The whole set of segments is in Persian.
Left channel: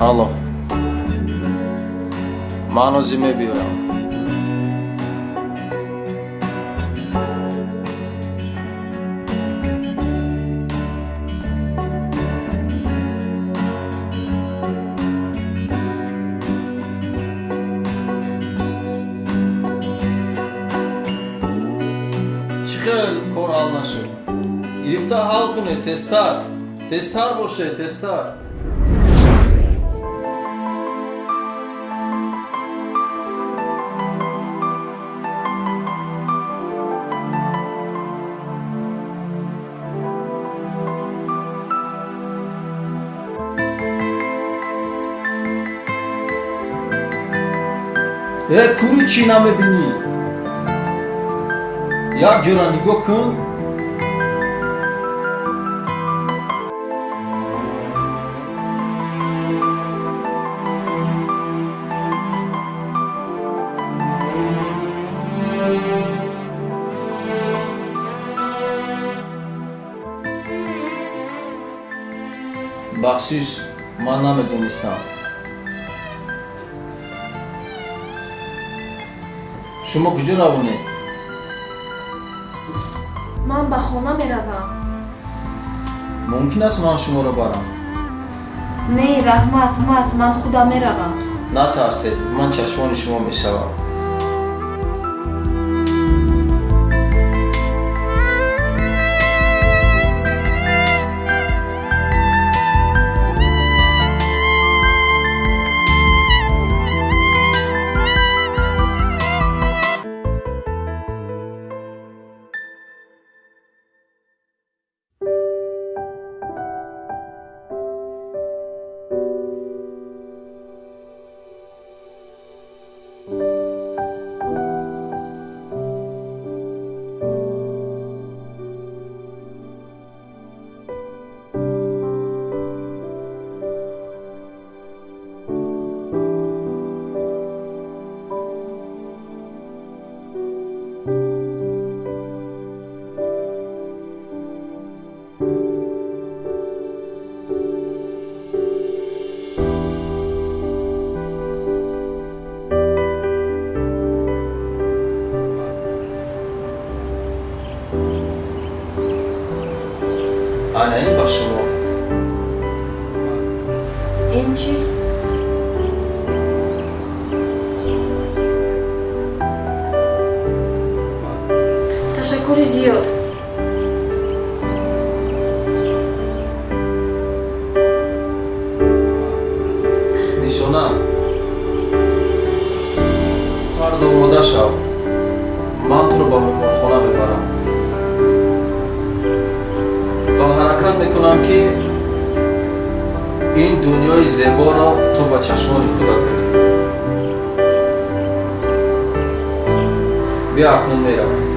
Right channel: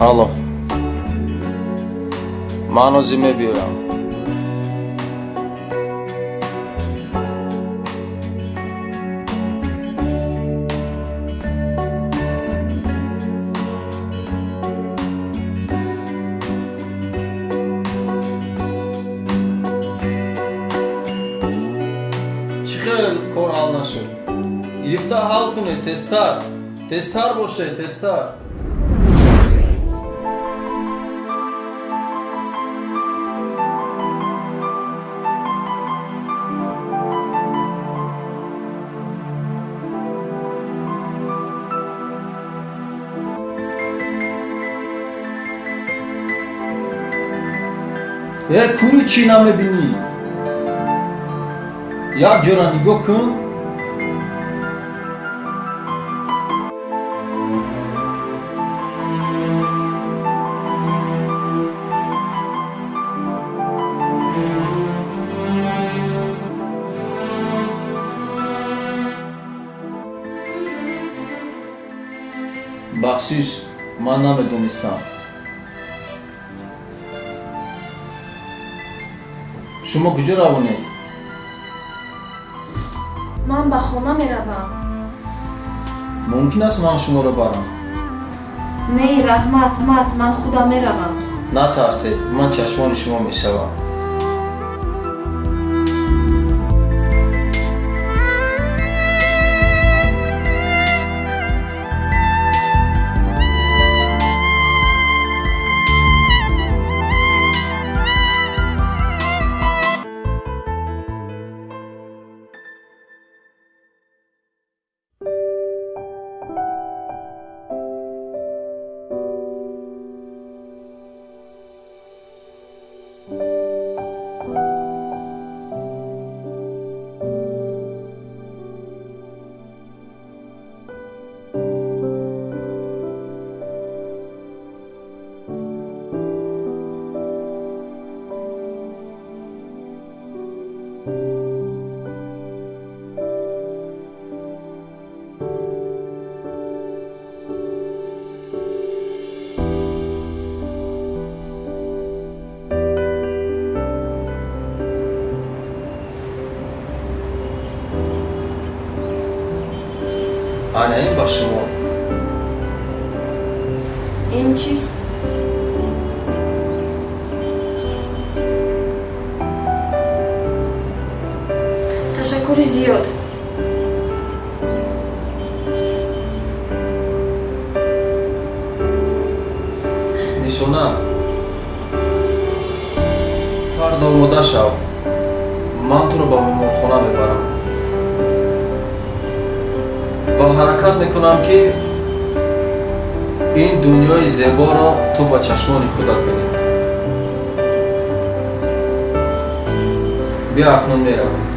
الو منو زیمه بیارم چخیل کار حال نشد گرفته حال کنه تستر باشه تستر کوری چی نمیبینی؟ یک جورا نگاه کن بخشش من نمیدونستم شما کجا روانه؟ من به خانه میروم. ممکن است من شما را برم؟ نه رحمت من خدا میروم. نترسید من چشمان شما میشوم این با شما این چیست؟ تشکر زیاد. نشانه فردا آماده شو من تو رو با مهمانخانه میبرم با حرکت میکنم که این دنیای زیبا را تو با چشمان خودت ببینی بیا اکنون میروم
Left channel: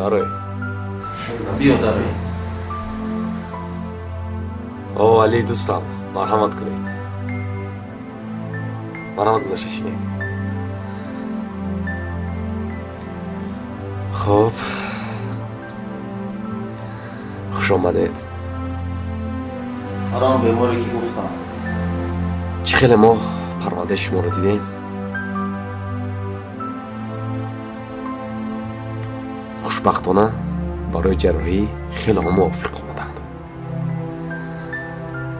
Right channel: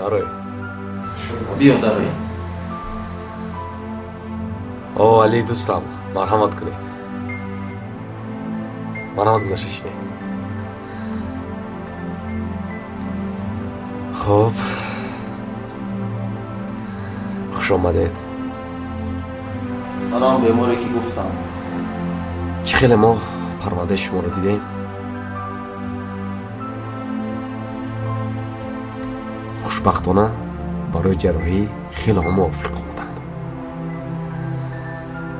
داره بیا داره او علی دوستم مرحمت کنید مرحمت گذاشته شدید خب خوش آمدید آرام بیماری که گفتم چه خیلی ما پرونده شما رو دیدیم خوشبختانه برای جراحی خیلی هم موافق آمدند.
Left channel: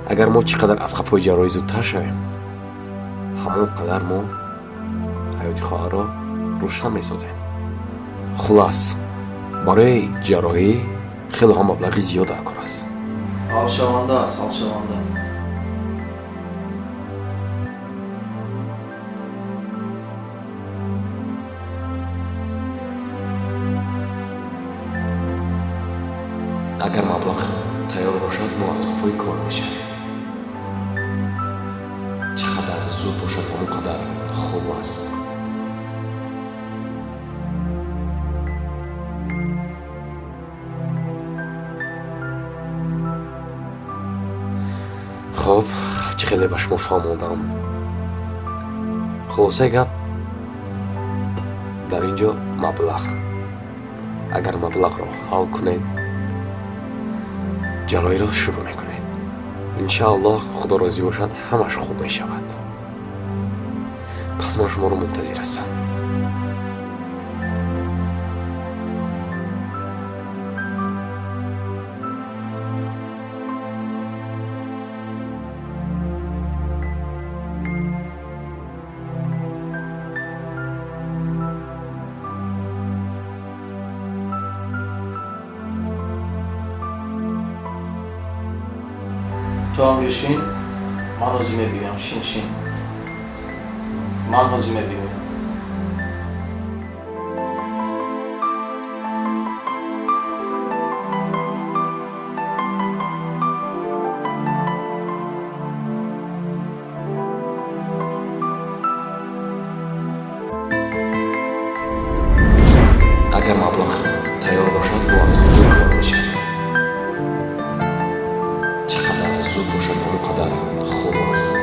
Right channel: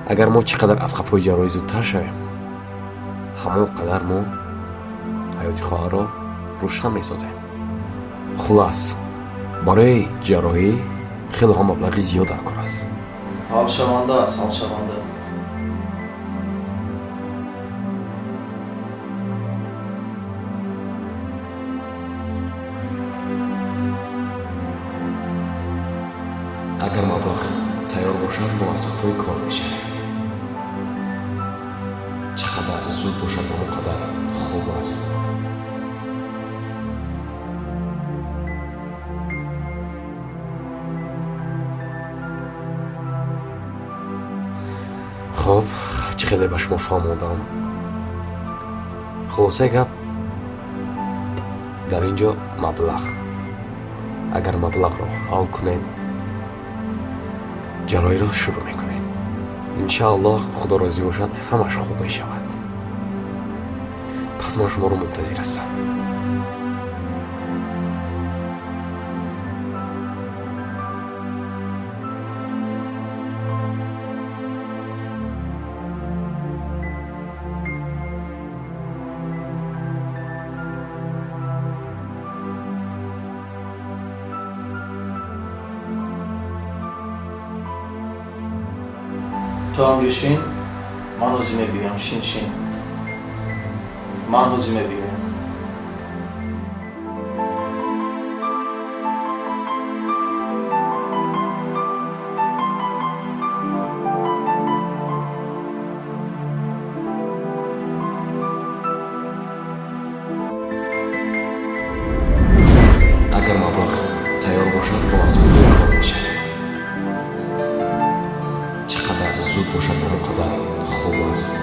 اگر ما چقدر از قفای جراحی زودتر شویم همون قدر ما ҳаёти хоҳарро рӯшан месозем. хулас барои ҷарроҳӣ хеле ҳам маблағи зиёд дар кор аст. ҳалшаванда аст, ҳалшаванда. агар маблағ тайёр бошад мо аз хафои кор мешавем. чӣ қадар зуд бошад ҳамон қадар хуб аст. хуб, чӣ хеле ба шумо фаҳмондам. хулосаи гап дар ин ҷо маблағ. агар маблағро ҳал кунед ҷарроҳиро шурӯъ мекунем. иншааллоҳ худо розӣ бошад ҳамаш хуб мешавад. пас ман шуморо мунтазир ҳастам. تو هم بشین، من حوزی بگم. شین شین، من حوزی بگم. агар маблағ тайёр бошад мо аз хафои кор мешавем. чӣ қадар зуд бошад ҳамон қадар хуб аст.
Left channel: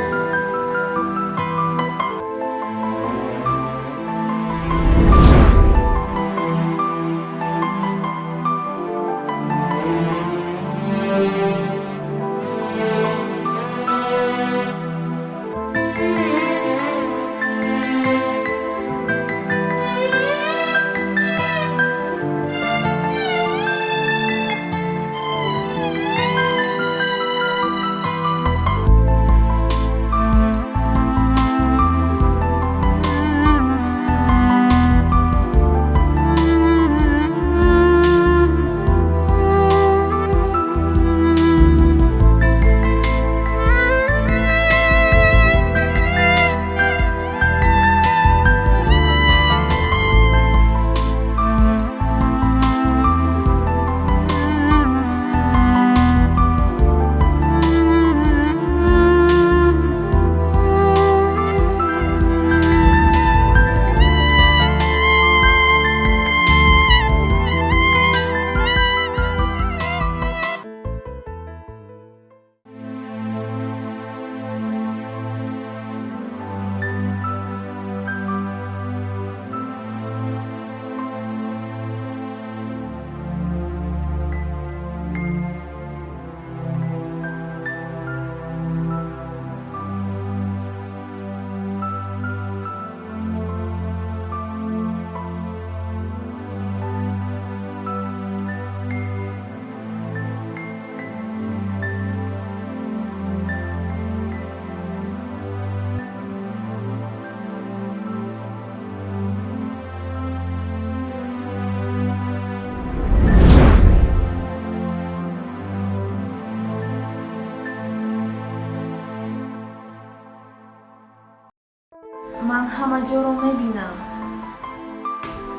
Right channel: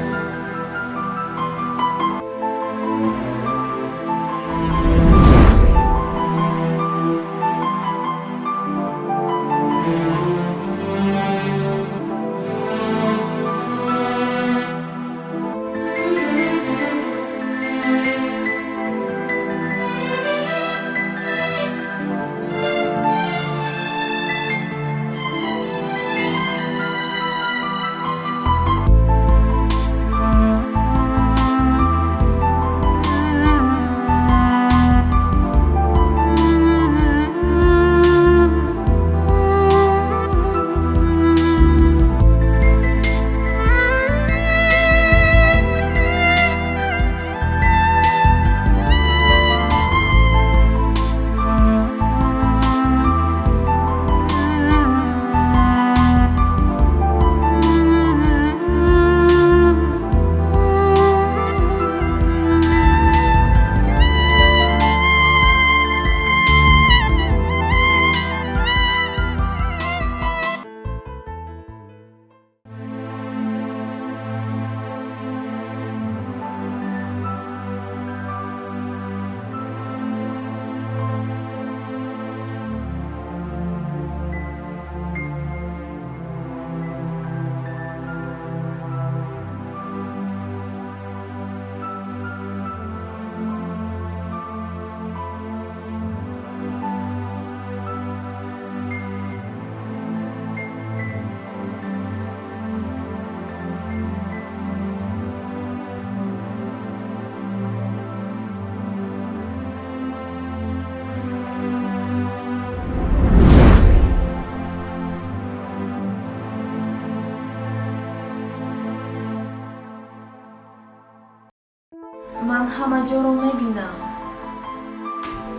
من همه جا رو میبینم.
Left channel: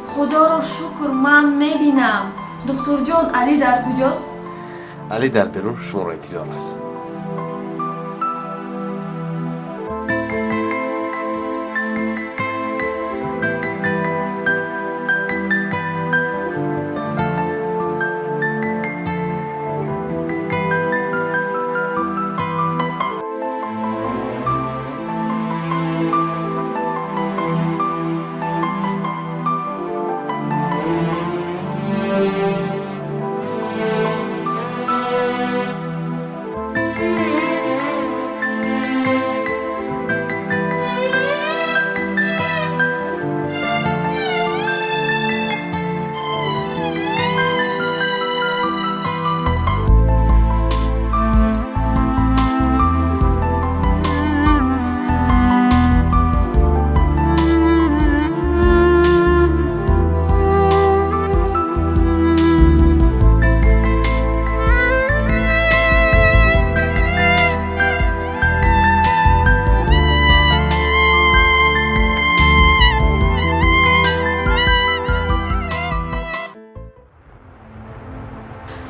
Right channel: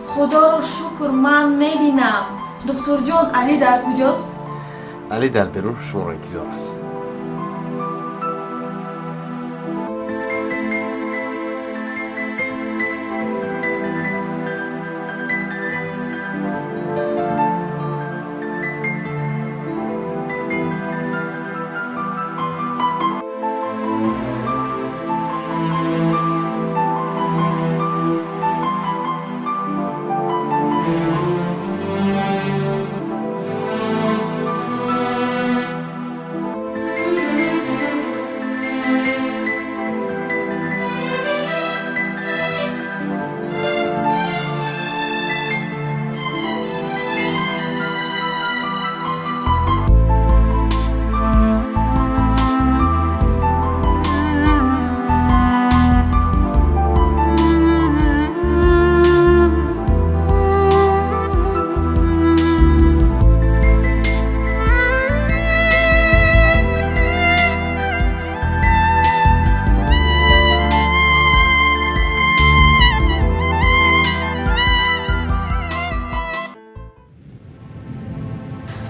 خدا رو شکر من میبینم. دکتر جان، علی در کجاست؟ علی در بیرون شما را انتظار است.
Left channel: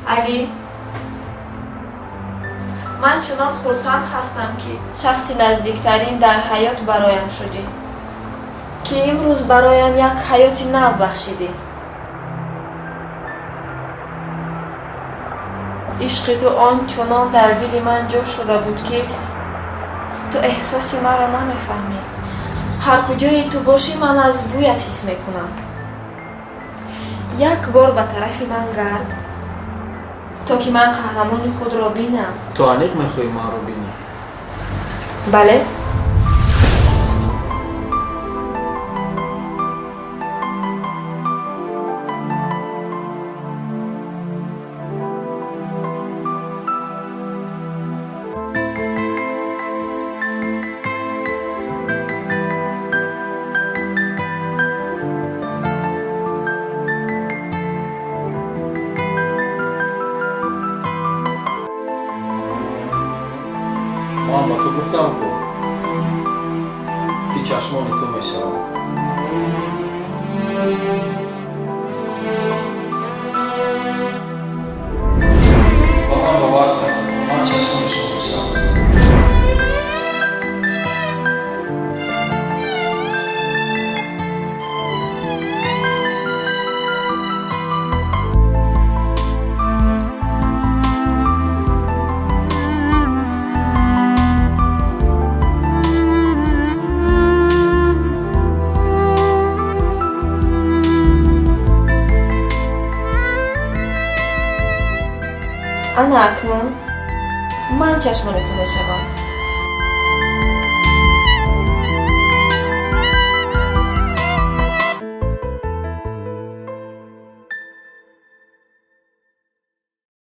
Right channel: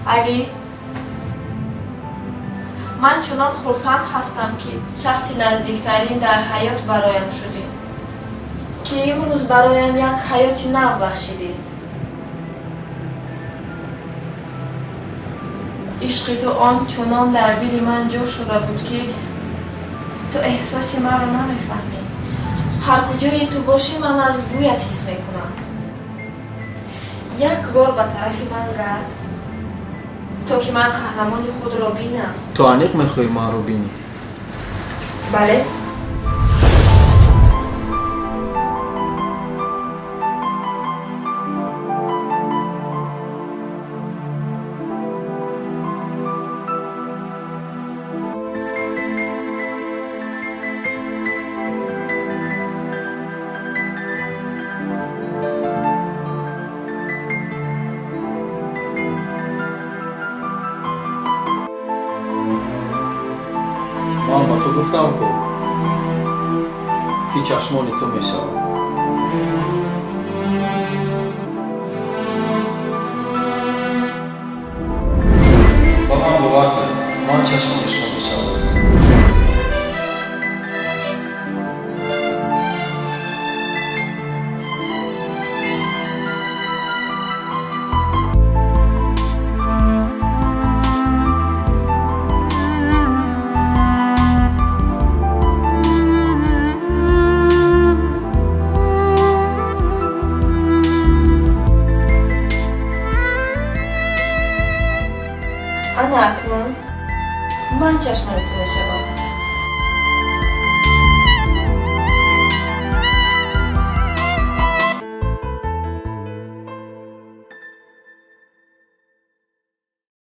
علی من چنان خرسند هستم که شخص نزدیکترین در حیات برایم شدی که امروز برایم یک حیات نو بخشیدی. عشق تو آنچنان در دل من جا شده بود که تو احساس مرا نمیفهمی. هر کجای تو باشی من از بویت حس میکنم. یک بار به طرف من گرد تا که من قهرمان خود را بینم. تو انیق میخوای ما رو بینی؟ بله. من با تو گفتم که چشمان تو میشوم. با من باور کن، من چشمان شما میشوم. انا اکنون من چشمان تو میشوم.